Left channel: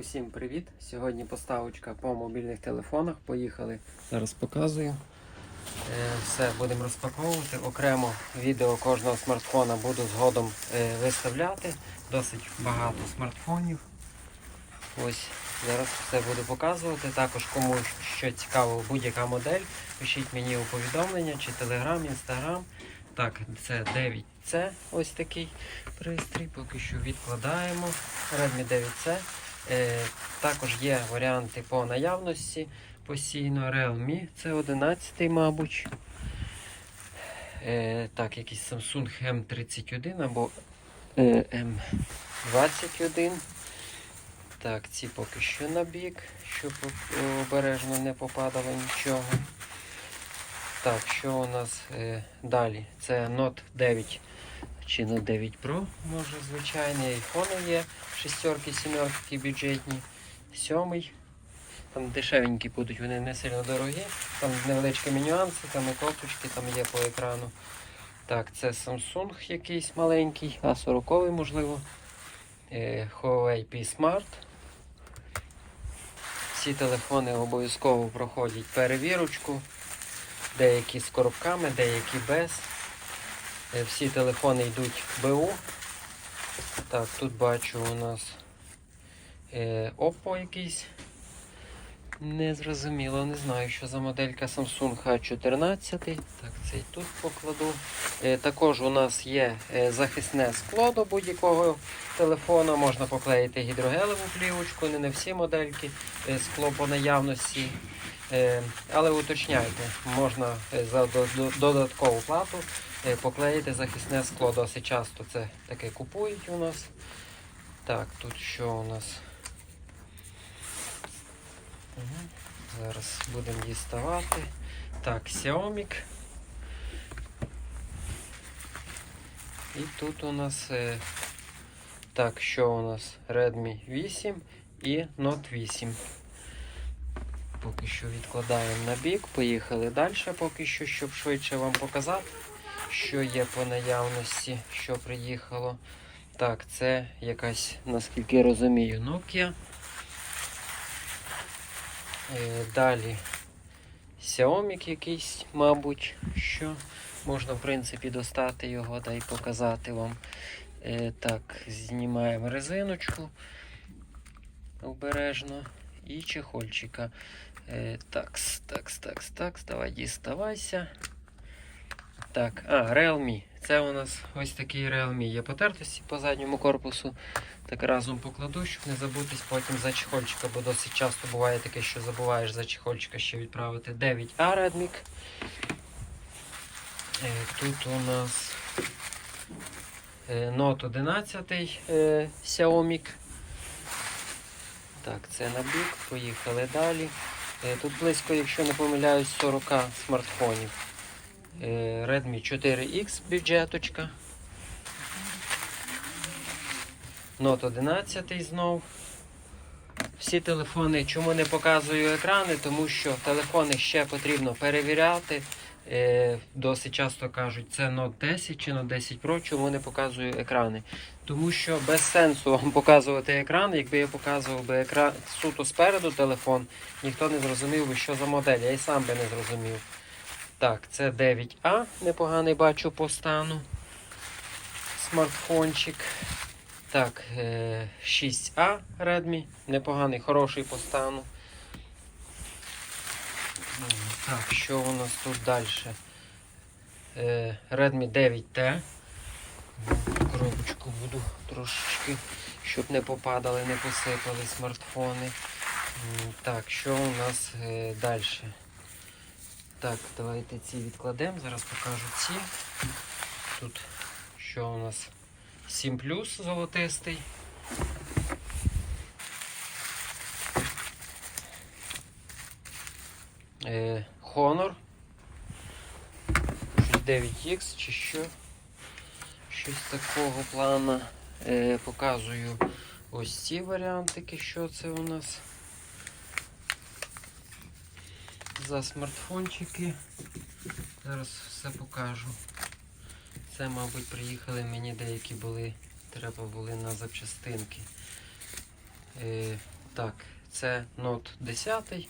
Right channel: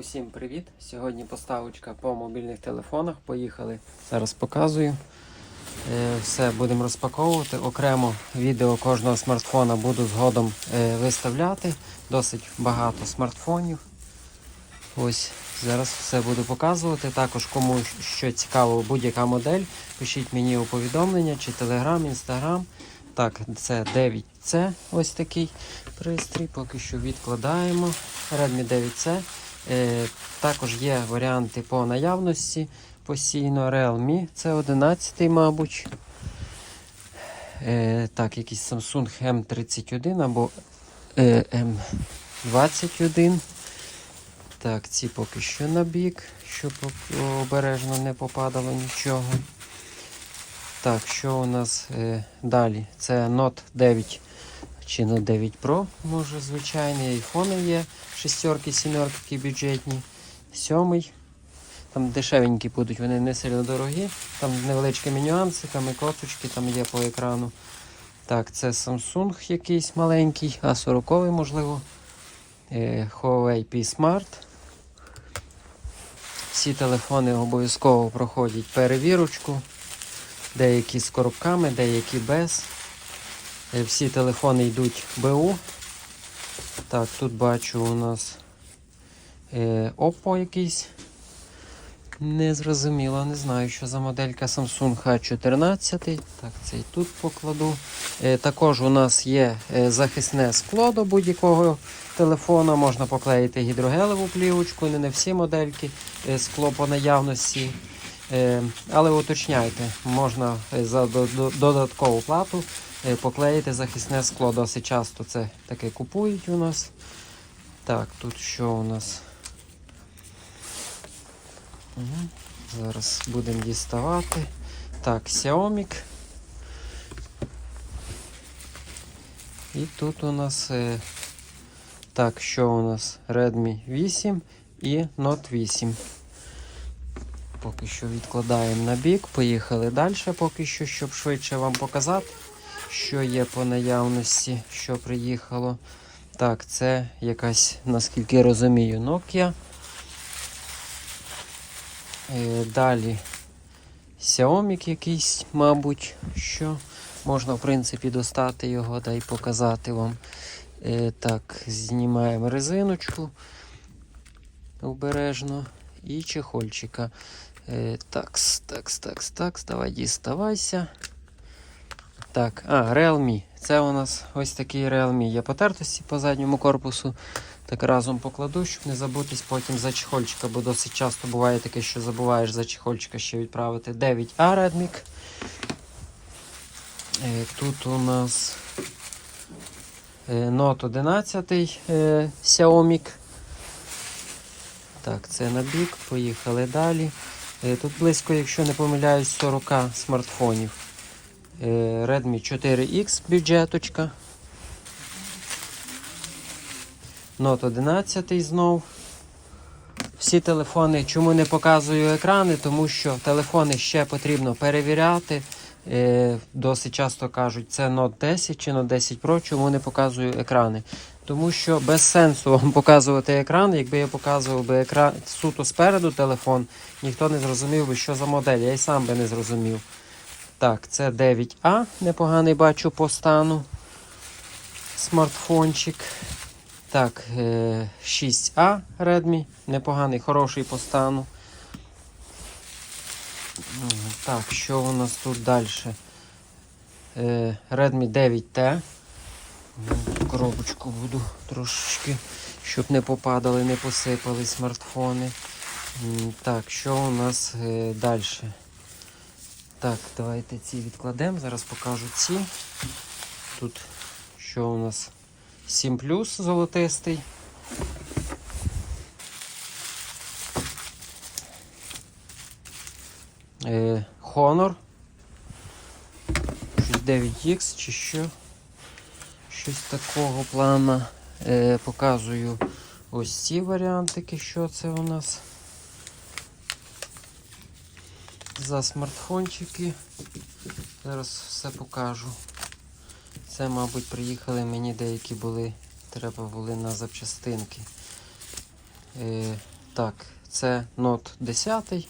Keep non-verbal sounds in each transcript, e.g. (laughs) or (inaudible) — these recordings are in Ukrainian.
Усім привіт! Сьогодні поставочка по мобільних телефонах. Поїхали. Зараз показую. Е, Все будемо розпаковувати. Окремо відео кожного смартфона буду згодом е, виставляти. Досить багато смартфонів. Ось зараз все буду показувати. Також кому що цікаво, будь-яка модель, пишіть мені у повідомлення чи Telegram, Instagram. Так, це 9C, ось такий пристрій. Поки що відкладаємо. Redmi 9C. Е, також є варіанти по наявності постійно. Realme це 11 мабуть. Е, так, якийсь Samsung M31 або е, M21. Так, ці поки що на бік, щоб обережно не попадало нічого. Так, що у нас е, далі? Це Note 9 чи Note 9 Pro, може, звичайний айфони є. Шестерки, сімерки бюджетні. Сьомий. Там дешевенькі будуть, вони не сильно дорогі. Там невеличкі нюанси, там і коточки там є по екрану. Так, це Samsung якийсь маленький, А40 можливо. Е, Huawei P Smart. Всі телефони обов'язково проходять перевірочку. Деякі з коробками, деякі без. Е, Всі телефони йдуть БУ. Так, тут бачу у нас е, Oppo якийсь. Не зрозуміло, не знаю, що за моделька Samsung H14. Так, цей тут покладу. Е, також у нас є е, захисне скло до будь-якого телефона. Можна поклеїти гідрогелеву плівочку, не всі модельки е, скло по наявності. Е, але уточняйте, можна за до- до- додаткову плату е, поклеїти захисне скло. Досить часто це таке купують у нас. Так, тут що у нас? Мгм. Зараз будемо діставати. Так, Xiaomi. І тут у нас е, так, що у нас? Redmi 8 і Note 8. Поки що відкладаємо на бік, поїхали далі, поки що, щоб швидше вам показати, що є по наявності, що приїхало. Так, це якась, наскільки розумію, Nokia. Е, Далі Xiaomi якийсь, мабуть, що можна, в принципі, достати його та й показати вам. Е, Так, знімаємо резиночку обережно і чехольчика. Е, Такс, такс, такс, такс, давай діставайся. Так, а, Realme. Це у нас ось такий Realme є потертості по задньому корпусу. Так разом покладу, щоб не забутись потім за чехольчика, бо досить часто буває таке, що забуваєш за чехольчика ще відправити. 9А Redmi. Е, Тут у нас е, Note 11 е, Xiaomi. Так, це на бік, поїхали далі. Е, Тут близько, якщо не помиляюсь, 40 смартфонів. Е, Redmi 4X бюджеточка. Note 11 знов. Всі телефони, чому не показую екрани, тому що телефони ще потрібно перевіряти. Е, досить часто кажуть, це Note 10 чи Note 10 Pro, чому не показую екрани. Тому що без сенсу вам (laughs) показувати екран. Якби я показував би екран суто спереду телефон, ніхто не зрозумів би, що за модель. Я й сам би не зрозумів. Так, це 9А, непоганий бачу по стану. Смартфончик. Так, е, 6А Redmi, непоганий, хороший по стану. Так, що у нас тут далі? Е, Redmi 9T. Коробочку буду трошечки, щоб не попадали, не посипали смартфони. Так, що у нас е, далі? Так, давайте ці відкладемо. Зараз покажу ці. Тут що у нас? 7 плюс золотистий. Е, Honor. Щось 9X чи що. Щось такого плана. Е, показую ось ці варіантики, що це у нас. За смартфончики. Зараз все покажу. Це, мабуть, приїхали мені деякі були, треба були на запчастинки. Е, Так, це Note 10.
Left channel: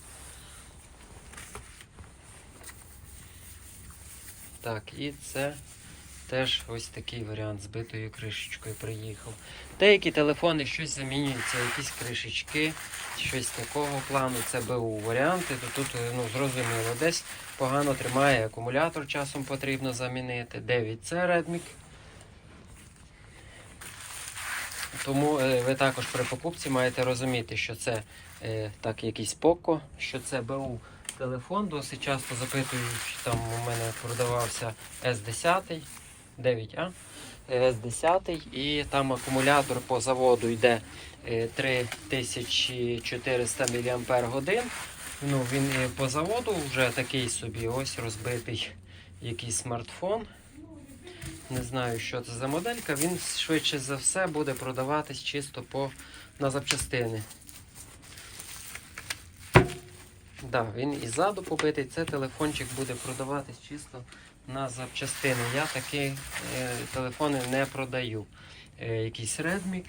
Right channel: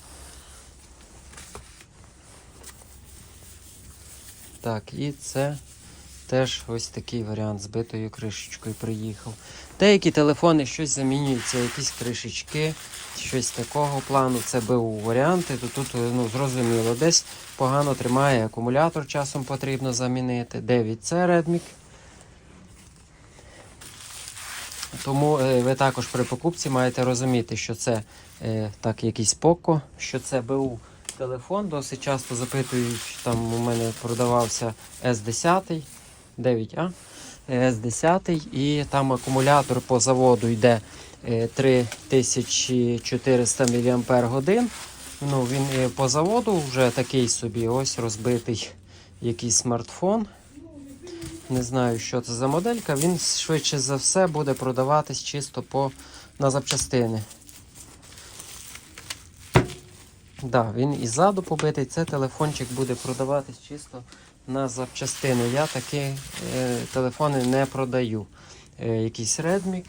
Так, і це теж ось такий варіант з битою кришечкою приїхав. Деякі телефони щось замінюються, якісь кришечки, щось такого плану. Це БУ варіанти. То тут ну, зрозуміло, десь погано тримає, акумулятор часом потрібно замінити. 9C Redmi. Тому е, ви також при покупці маєте розуміти, що це е, так якийсь Poco, що це БУ телефон. Досить часто запитую, що там у мене продавався S10, 9А, S10 і там акумулятор по заводу йде е, 3400 мАч. Ну, він е, по заводу вже такий собі ось розбитий якийсь смартфон. Не знаю, що це за моделька. Він швидше за все буде продаватись чисто по, на запчастини. Да, він і ззаду побитий. Це телефончик буде продаватись чисто на запчастини. Я такі е, телефони не продаю. Е, якийсь Redmi.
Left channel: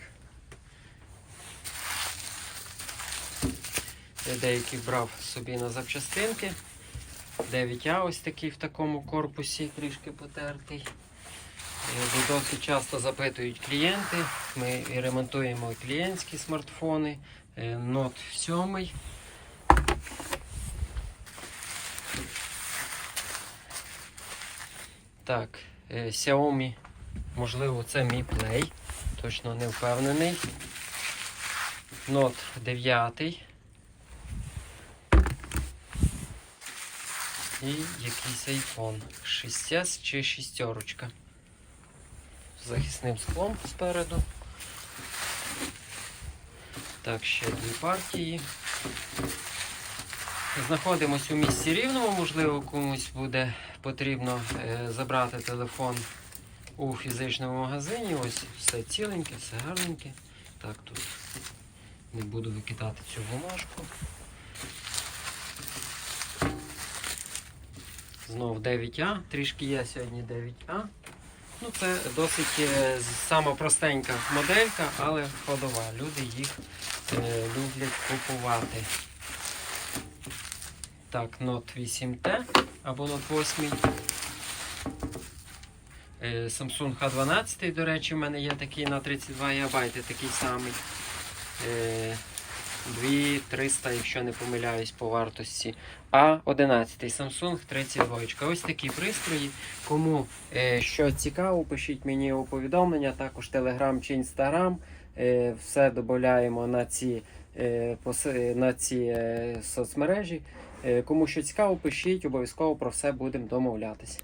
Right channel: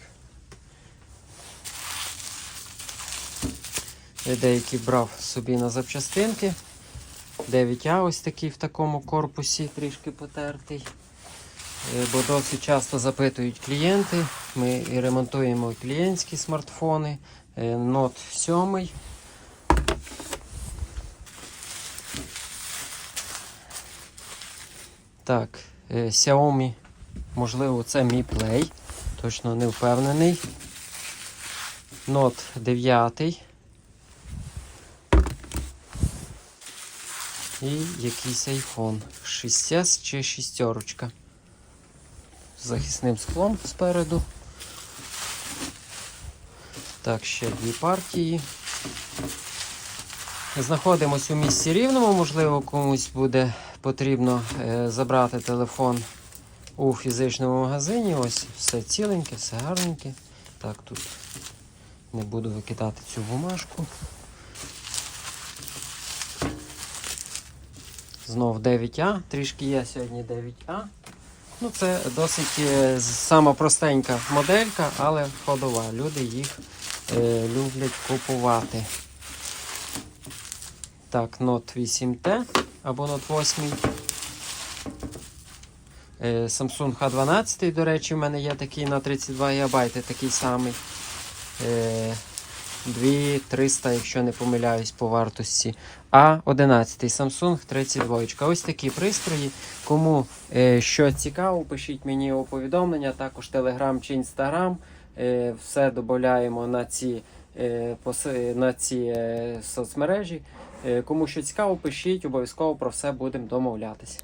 Е, Деякі брав собі на запчастинки. 9А ось такий в такому корпусі, трішки потертий. Е, Бо досить часто запитують клієнти. Ми і ремонтуємо клієнтські смартфони. Е, Note 7. Так, е, Xiaomi, можливо, це Mi Play. Точно не впевнений. Note 9. І якийсь iPhone 6S чи шістерочка. З захисним склом спереду. Так, ще дві партії. Знаходимося у місці рівному, можливо, комусь буде потрібно е, забрати телефон у фізичному магазині. Ось все ціленьке, все гарненьке. Так, тут не буду викидати цю бумажку. Знов 9А, трішки є сьогодні 9А. Ну, це досить е, сама простенька моделька, але ходова. Люди їх е, люблять купувати. Так, Note 8T або Note 8. Е, Samsung H12, до речі, в мене є такий на 32 ГБ, такий самий. Е, 2300, якщо не помиляюсь, по вартості. А 11 Samsung 32. Ось такі пристрої. Кому е, що цікаво, пишіть мені у повідомлення, також Telegram чи Instagram. Е, все додаємо на ці, е, на ці е, соцмережі. Е, кому що цікаво, пишіть, обов'язково про все будемо домовлятися.